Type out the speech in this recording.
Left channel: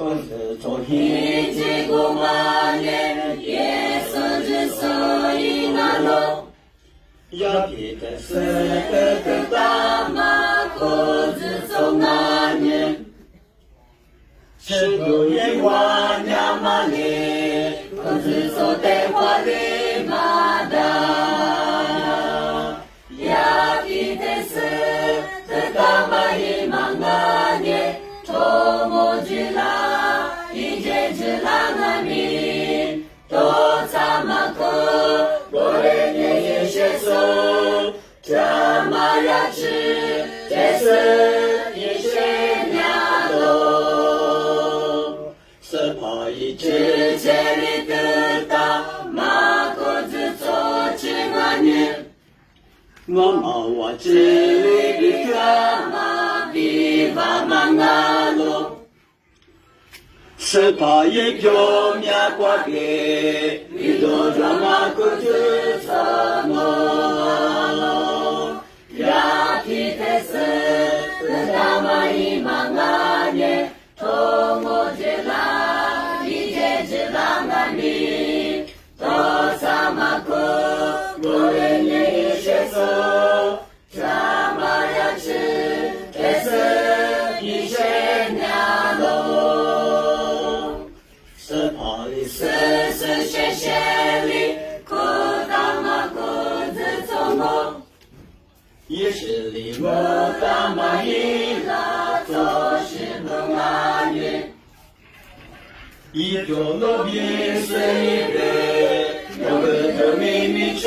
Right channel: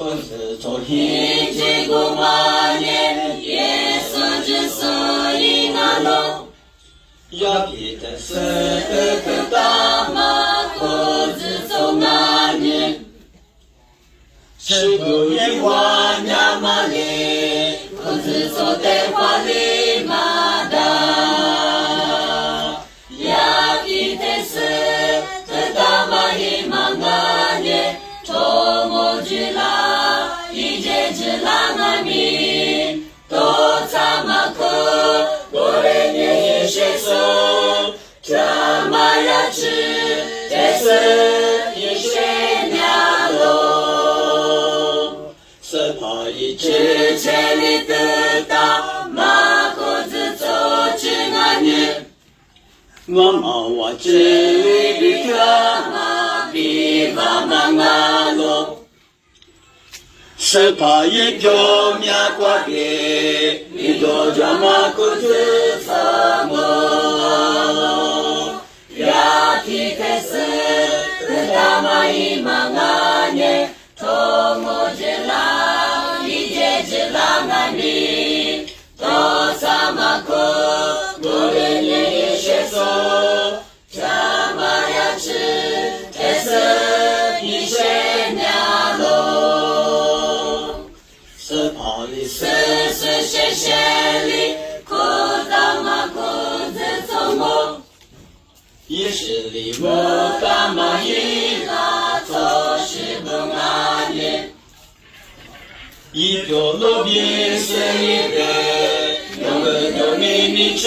可是昨天这个马年也是之所以那路，要记得是个大马可是走那年，是个一万呀马里，可是走的花里马达，要记得是个大马里马那年，托我去啦。Langami, to samako, gorenge yesheso, chamayachi, tese yeshenyalo. Sepa yichi cheli tuta, mako zuzo chingani. Mama wa chili kama, viva mangalo. 是怕一票面瓜给，一多叫马裤子擦么了？呀，提开始，大马一忙啊年，从我这啦，一节只啦那米，多啥马裤，我连也学手，啥马呀吃，开始一些年喽。是谢谢你，可当嘛可自从我，也是你我干嘛一拉做事不安宁，一条路边是一个，有个都没你吃。